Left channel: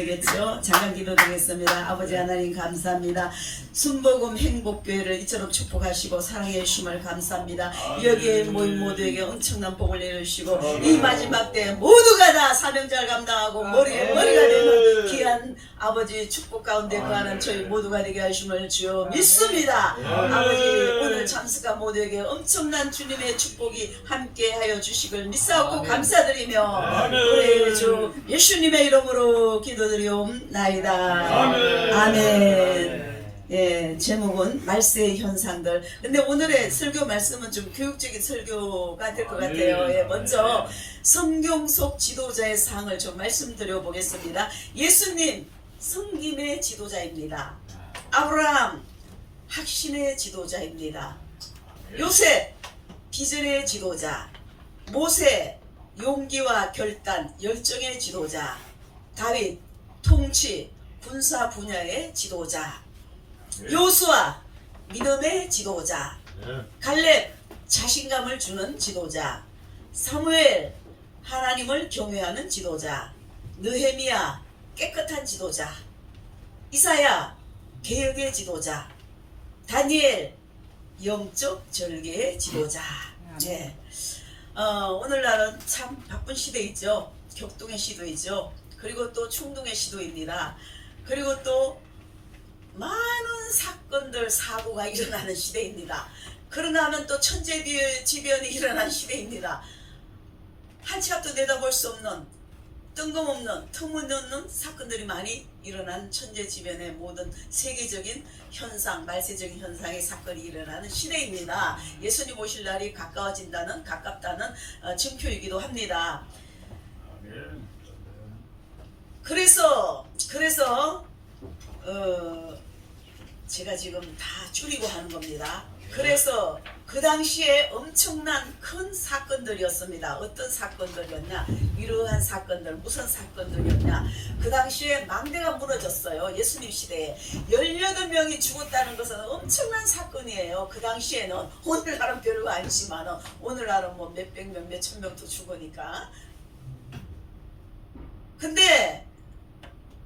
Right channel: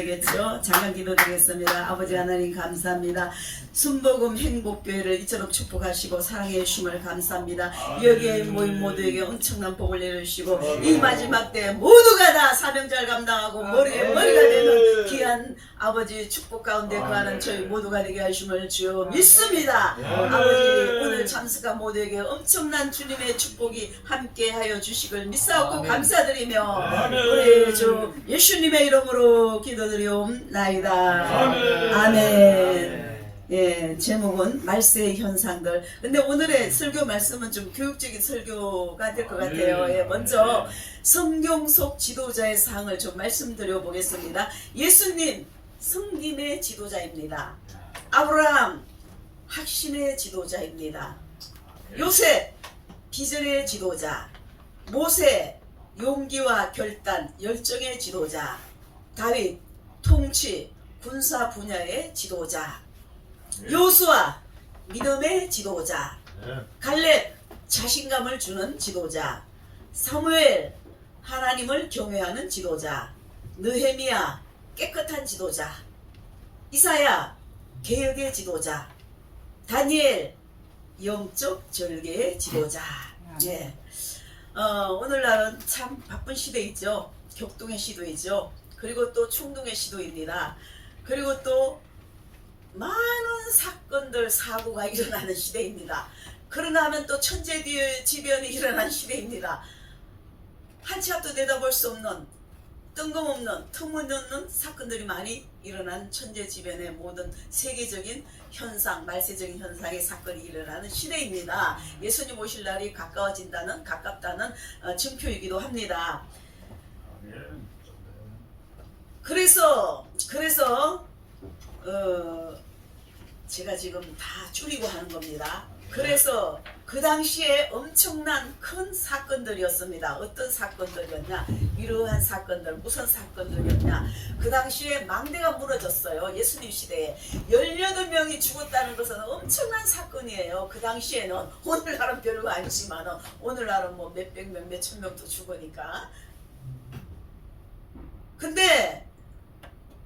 되겠죠. 작은 기도 드리겠습니다. 아버지 하나님 감사합니다. 순복음 행복교회를 이처럼 축복하시고 사랑해 주심을 감사합니다. 여기에 모인 모두에게 엄청난 복을 내려주시고 이 마지막 때 모두가 다 사명자를 감당하고 머리가 되는 귀한 아버지 축복 가운데 거하는 저희 모두가 되게 하심을 주여 믿습니다. 아버지 오늘 참석한 모두에게 엄청난 주님의 축복이 함께하여 주시길 믿사옵고 감사드리며 우리 주 예수님의 이름으로 기도드리옵나이다. 아멘. 예, 제목은 말세의 현상들. 근데 오늘의 설교 말씀은 좀 교육적인 설교가 될 것 같아요. 예, 먼저 성경 속 지도자의 상을 좀 말씀드려 보겠습니다. 예수님 성김의 지도자입니다. 아브라함 확신의 지도자입니다. 요셉 비전의 지도자, 모세 용기와 결단 열정의 지도자, 다윗 통치 군사 분야의 지도자, 요수아 믿음의 지도자, 갈렙 자신감을 주는 지도자, 사무엘 하나님을 경외하는 지도자, 느헤미야 깨끗한 지도자, 이사야 개혁의 지도자, 다니엘 영적 절개의 지도자. 네. 오늘날은 참 바쁜 시대이죠. 격동의 시대이죠. 그리고 또 충동의 시도입니다. 그리고 또 많은 사건들 사고가 일어나는 시대입니다. 그러나 하면 또 천재지변이 일어나는 시대입니다. 한치 앞도 내다볼 수 없는 뜬금없는 터무니없는 사건들이 많이 일어난 천재지변의 모든 세계적인 현상, 말세적인 현상의 사건이 일어나는 시대입니다. 예수님 오실 날이 가깝다는 증표이기도 합니다. 그래서 제가 지금 다 줄이고 하는 겁니다. 그래서 그 당시에 엄청난 큰 사건들이었습니다. 어떤 사건들이었냐? 이러한 사건들, 무슨 사건들이었냐? 그 당시에 망대가 무너졌어요. 예수님 시대에 18명이 죽었다는 것은 엄청난 사건이에요. 그 당시에는 오늘날은 별거 아니지만 오늘날은 뭐 몇백 명, 몇천 명도 죽으니까. 근데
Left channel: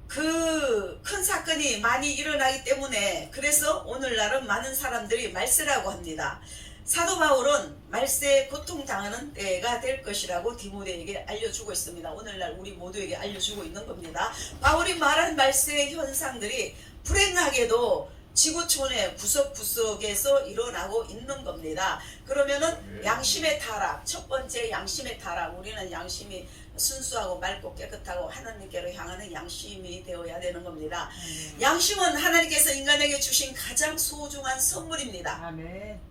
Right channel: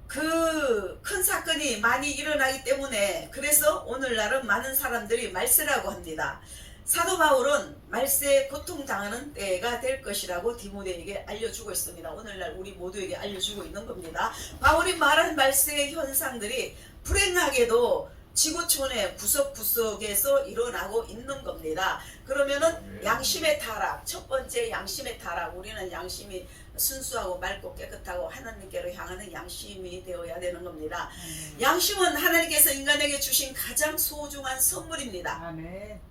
그 큰 사건이 많이 일어나기 때문에 그래서 오늘날은 많은 사람들이 말세라고 합니다. 사도 바울은 말세에 고통당하는 때가 될 것이라고 디모데에게 알려주고 있습니다. 오늘날 우리 모두에게 알려주고 있는 겁니다. 바울이 말한 말세의 현상들이 불행하게도 지구촌의 구석구석에서 일어나고 있는 겁니다. 그러면은 양심의 타락, 첫 번째 양심의 타락. 우리는 양심이 순수하고 맑고 깨끗하고 하나님께로 향하는 양심이 되어야 되는 겁니다. 양심은 하나님께서 인간에게 주신 가장 소중한 선물입니다.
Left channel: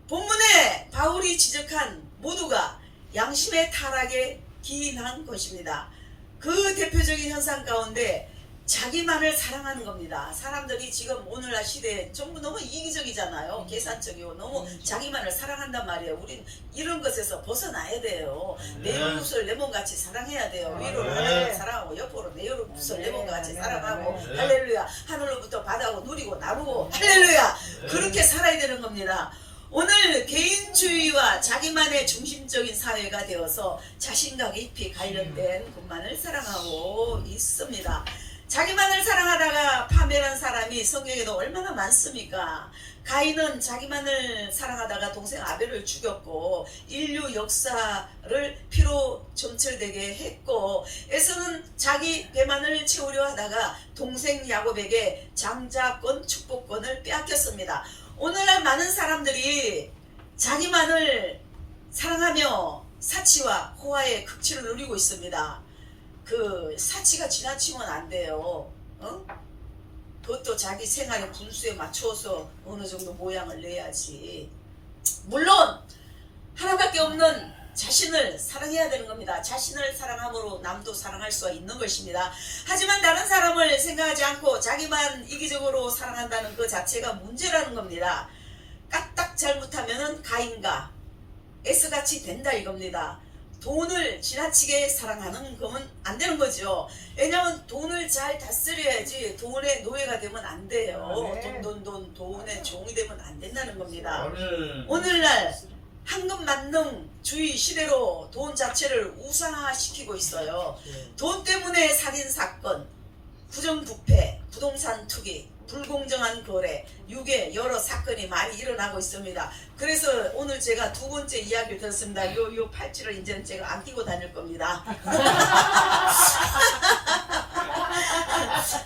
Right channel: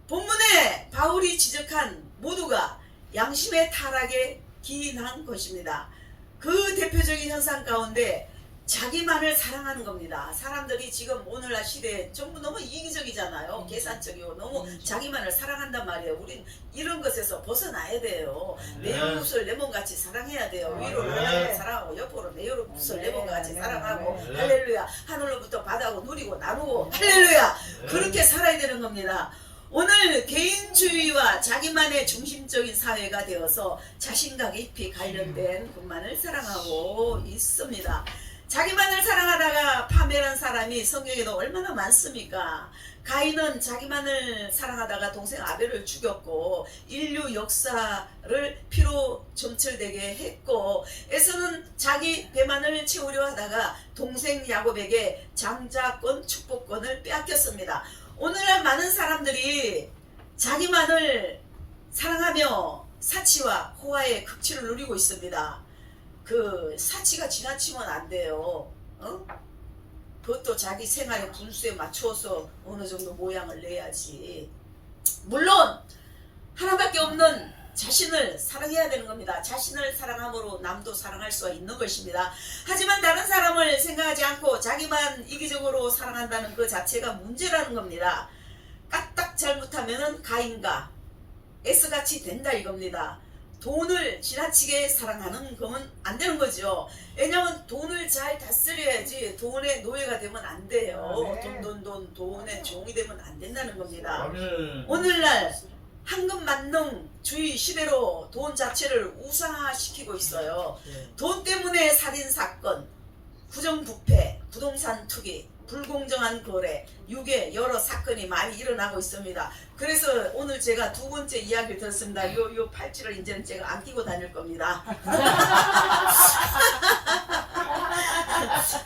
본문에 바울이 지적한 모두가 양심의 타락에 기인한 것입니다. 그 대표적인 현상 가운데 자기만을 사랑하는 겁니다. 사람들이 지금 오늘날 시대에 전부 너무 이기적이잖아요. 계산적이고 너무 자기만을 사랑한단 말이에요. 우린 이런 것에서 벗어나야 돼요. 내 이웃을 내 몸같이 사랑해야 돼요. 위로 하나님을 사랑하고 옆으로 내 이웃을 내 몸같이 사랑하고 할렐루야. 하늘로부터 바다고 누리고 나누고 할렐루야. 그렇게 살아야 되는 겁니다. 오늘 개인주의와 자기만의 중심적인 사회가 되어서 자신과 깊이 관련된 것만을 사랑하고 있습니다. 자기만을 사랑하다가 파멸한 사람이 성경에도 얼마나 많습니까? 가인은 자기만을 사랑하다가 동생 아벨을 죽였고 인류 역사를 피로 점철되게 했고, 에서는 자기 배만을 채우려 하다가 동생 야곱에게 장자권 축복권을 빼앗겼습니다. 오늘날 많은 사람들이 자기만을 사랑하며 사치와 호화의 극치를 누리고 있습니다. 그 사치가 지나치면 안 돼요. 그것도 자기 생활의 분수에 맞춰서 어느 정도 모양을 내야지. 물론 하나밖에 없는 자신을 사랑해야 되는 겁니다. 자신을 사랑함으로 남도 사랑할 수가 있는 것입니다. 하지만 다른 사람을 생각하지 않고 자기만 이기적으로 사랑한다는 그 자체가 문제라는 겁니다. 까딱 잘못하면 가인과 S같이 된다 이겁니다. 돈을 지나치게 사랑하는 건 안 되는 거죠. 왜냐하면 돈을 잘 다스려야지 돈의 노예가 되면 안 돼요. 돈의 종이 되면 안 된다는 겁니다. 오늘날 황금만능주의 시대로 돈 자체를 우상화시키고 있어요. 돈 때문에 살인사건, 부정부패, 부동산 투기, 불공정한 거래, 유괴 여러 사건이 많이 일어나고 있습니다. 그래서 오늘 제가 두 번째 이야기를 들었습니다. 요 팔찌를 이제는 제가 안 끼고 다닐 겁니다.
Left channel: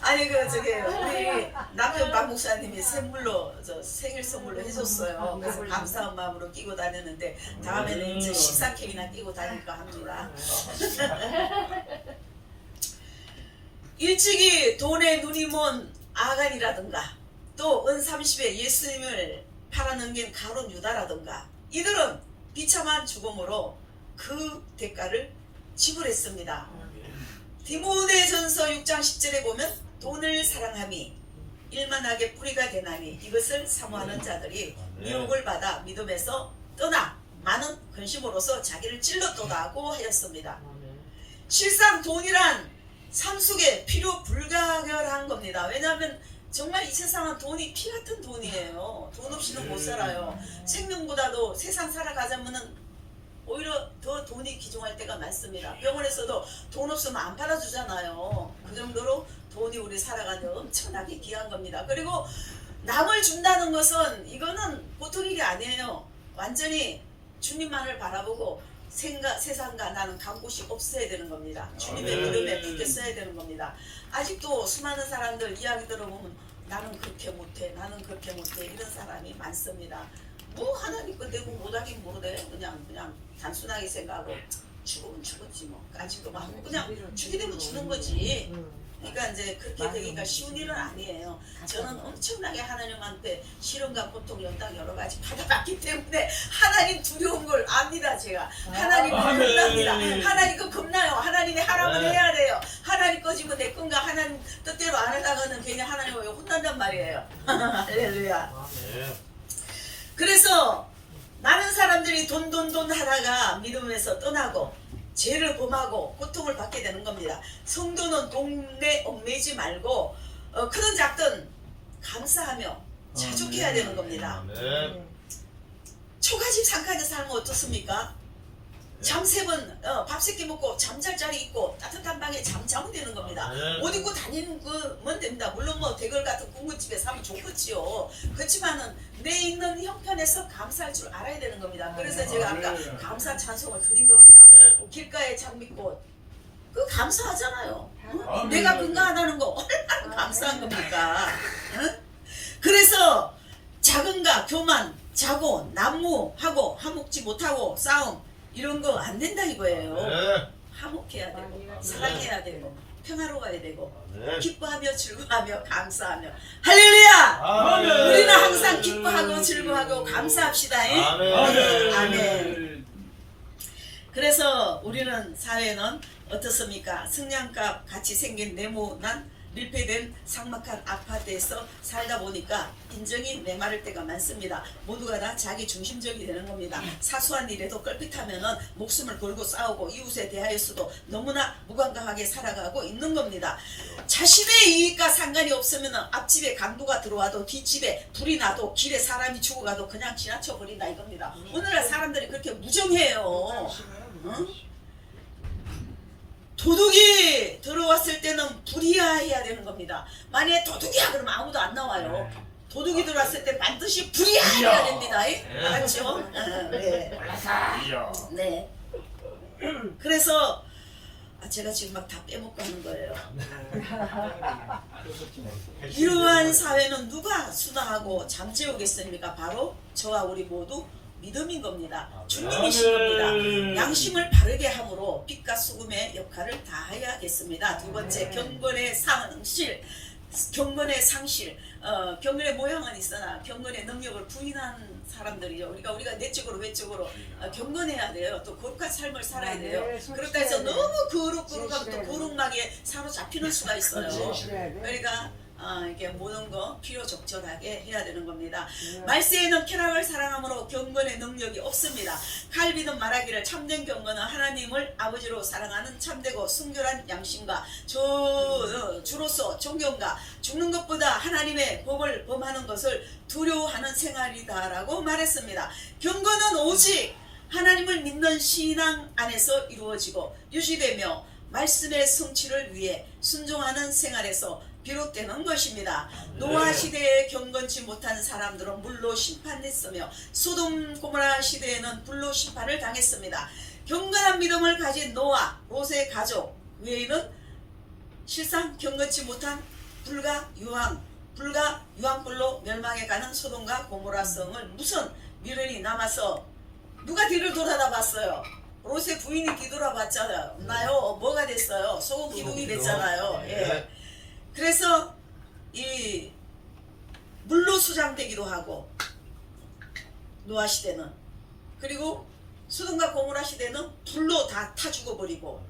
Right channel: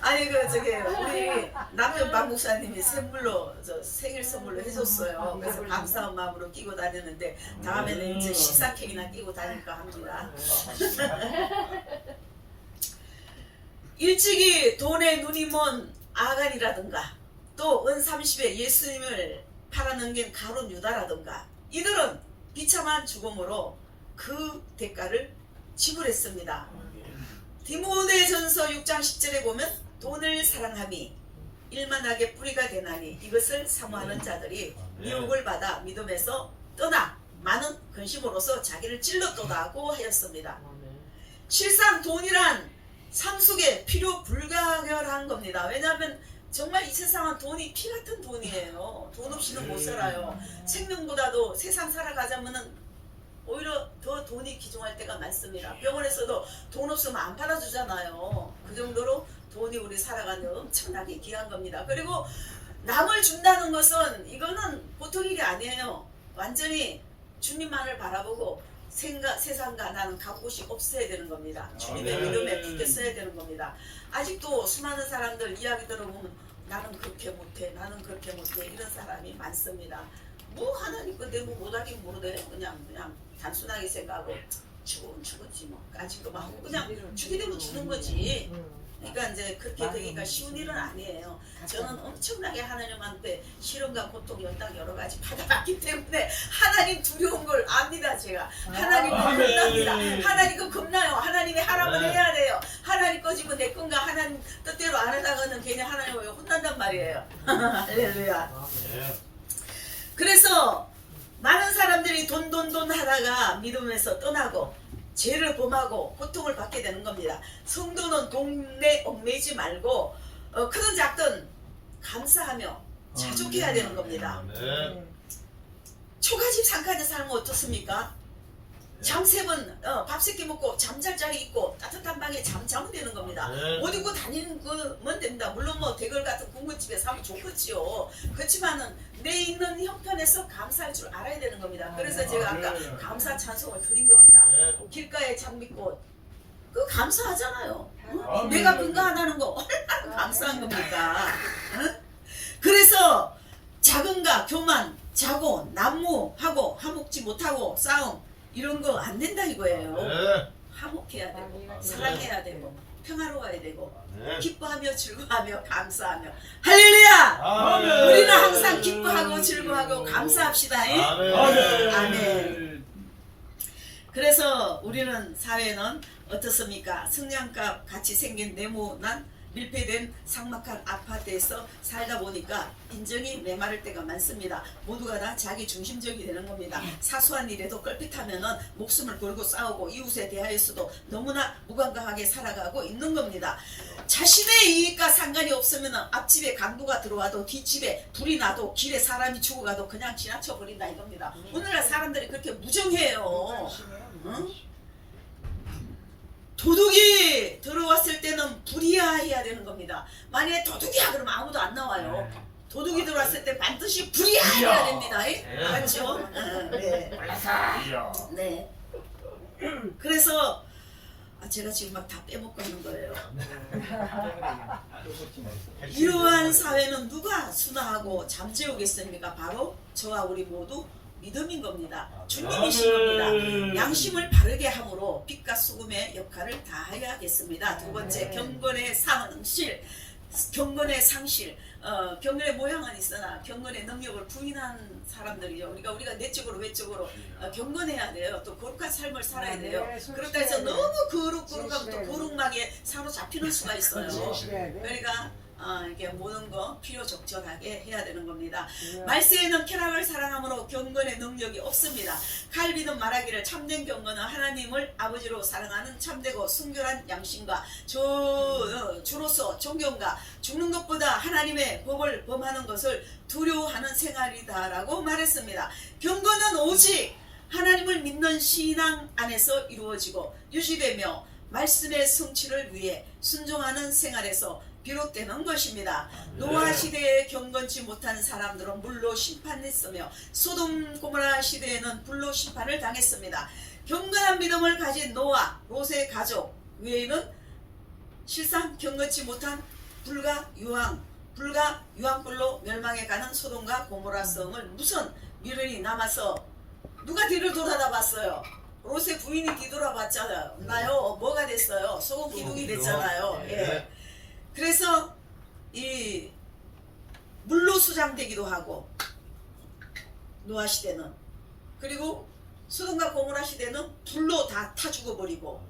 아니 저기 우리 남편 박 목사님이 선물로 생일 선물로 해줬어요. 그래서 감사한 마음으로 끼고 다녔는데 다음에는 이제 식사 케이크나 끼고 다닐까 합니다. 일찍이 돈에 눈이 먼 아간이라든가 또 은30에 예수님을 팔아넘긴 가룟 유다라든가 이들은 비참한 죽음으로 그 대가를 지불했습니다. 디모데전서 6장 10절에 보면 돈을 사랑함이 일만하게 뿌리가 되나니 이것을 사모하는 자들이 미혹을 받아 믿음에서 떠나 많은 근심으로서 자기를 찔렀도다고 하였습니다. 실상 돈이란 삶 속에 필요 불가결한 겁니다. 왜냐하면 정말 이 세상은 돈이 피 같은 돈이에요. 돈 없이는 못 살아요. 생명보다도 세상 살아가자면은 오히려 더 돈이 귀중할 때가 많습니다. 병원에서도 돈 없으면 안 팔아주잖아요. 그 정도로 돈이 우리 살아가는 데 엄청나게 귀한 겁니다. 그리고 남을 준다는 것은 이거는 보통 일이 아니에요. 완전히 주님만을 바라보고 세상과 나는 갈 곳이 없어야 되는 겁니다. 주님의 믿음에 붙어 써야 되는 겁니다. 아직도 수많은 사람들 이야기 들어보면 나는 그렇게 못해, 나는 그렇게 못해 이런 사람이 많습니다. 뭐 하나님 건데 뭐 못하긴 모르대. 그냥 단순하게 생각하고 죽으면 죽었지 뭐 까짓거 하고 그냥 죽게 되면 주는 거지. 그러니까 이제 그렇게 되기가 쉬운 일은 아니에요. 저는 엄청나게 하나님한테 시련과 고통, 연단 여러 가지 받아봤기 때문에 하나님 두려운 걸 압니다. 제가 하나님 겁납니다. 하나님 거 겁나요. 하나님이 하라면 해야 돼요. 하나님 거지면 내 건가 하나님 뜻대로 안 하다가는 괜히 하나님을 혼난단 말이에요. 할렐루야. 그래서 많은 사람들이 돈 하다가 믿음에서 떠나고 죄를 범하고 고통을 받게 되는 겁니다. 성도는 돈에 얽매이지 말고 크든 작든 감사하며 자족해야 되는 겁니다. 초가집 상가집 살면 어떻습니까? 잠 3번 밥 3끼 먹고 잠잘 자리 있고 따뜻한 방에 자면 되는 겁니다. 옷 입고 다니는 거면 됩니다. 물론 뭐 대걸 같은 군것집에 사면 좋겠지요. 그렇지만은 내 있는 형편에서 감사할 줄 알아야 되는 겁니다. 그래서 제가 아까 감사 찬송을 드린 겁니다. 길가에 장미꽃 그 감사하잖아요. 응? 내가 뭔가 안 하는 거 얼마나 감사한 겁니까? 응? 그래서 자금과 교만, 자고, 난무하고 화목지 못하고 싸움 이런 거 안 된다 이거예요. 화목해야 되고 사랑해야 되고 평화로워야 되고 기뻐하며 즐거워하며 감사하며 할렐루야! 우리는 항상 기뻐하고 즐거워하고 감사합시다. 아멘. 그래서 우리는 사회는 어떻습니까? 승량값 같이 생긴 네모난 밀폐된 삭막한 아파트에서 살다 보니까 인정이 메마를 때가 많습니다. 모두가 다 자기 중심적이 되는 겁니다. 사소한 일에도 껄핏하면은 목숨을 걸고 싸우고 이웃에 대하여서도 너무나 무감각하게 살아가고 있는 겁니다. 자신의 이익과 상관이 없으면 앞집에 강도가 들어와도 뒷집에 불이 나도 길에 사람이 죽어가도 그냥 지나쳐 버린다 이겁니다. 오늘날 사람들이 그렇게 무정해요. 응? 도둑이 들어왔을 때는 불이야해야 되는 겁니다. 만약에 도둑이야 그러면 아무도 안 나와요. 도둑이 들어왔을 때 반드시 불이야해야 됩니다. 알았죠? 네. 그래서 제가 지금 막 다 빼먹고 하는 거예요. 이러한 사회는 누가 수당하고 잠재우겠습니까? 바로 저와 우리 모두 믿음인 겁니다. 주님이신 겁니다. 양심을 바르게 함으로 빛과 소금의 역할을 다해야겠습니다. 두 번째, 경건의 상실. 경건의 상실. 경건의 모양은 있으나 경건의 능력을 부인한 사람들이요. 우리가 내적으로 외적으로 경건해야 돼요. 또 거룩한 삶을 살아야 돼요. 그렇다 해서 너무 거룩하면 또 거룩하게 사로잡히는 수가 있어요. 그러니까 이게 모든 거 필요 적절하게 해야 되는 겁니다. 말세에는 쾌락을 사랑함으로 경건의 능력이 없습니다. 칼빈은 말하기를 참된 경건은 하나님을 아버지로 사랑하는 참되고 순결한 양심과 주로서 존경과 죽는 것보다 하나님의 법을 범하는 것을 두려워하는 생활이다라고 말했습니다. 경건은 오직 하나님을 믿는 신앙 안에서 이루어지고 유지되며 말씀의 성취를 위해 순종하는 생활에서 비롯되는 것입니다. 노아 시대에 경건치 못한 사람들은 물로 심판했으며 소돔 고모라 시대에는 불로 심판을 당했습니다. 경건한 믿음을 가진 노아, 롯의 가족 외에는 실상 경건치 못한 불과 유황불로 멸망해가는 소돔과 고모라 성을 무슨 미련이 남아서 누가 뒤를 돌아다 봤어요? 롯의 부인이 뒤돌아봤잖아요. 뭐가 됐어요? 소금 기둥이 됐잖아요. 예. 그래서 이 물로 수장되기도 하고 노아 시대는, 그리고 소돔과 고모라 시대는 불로 다 타 죽어버리고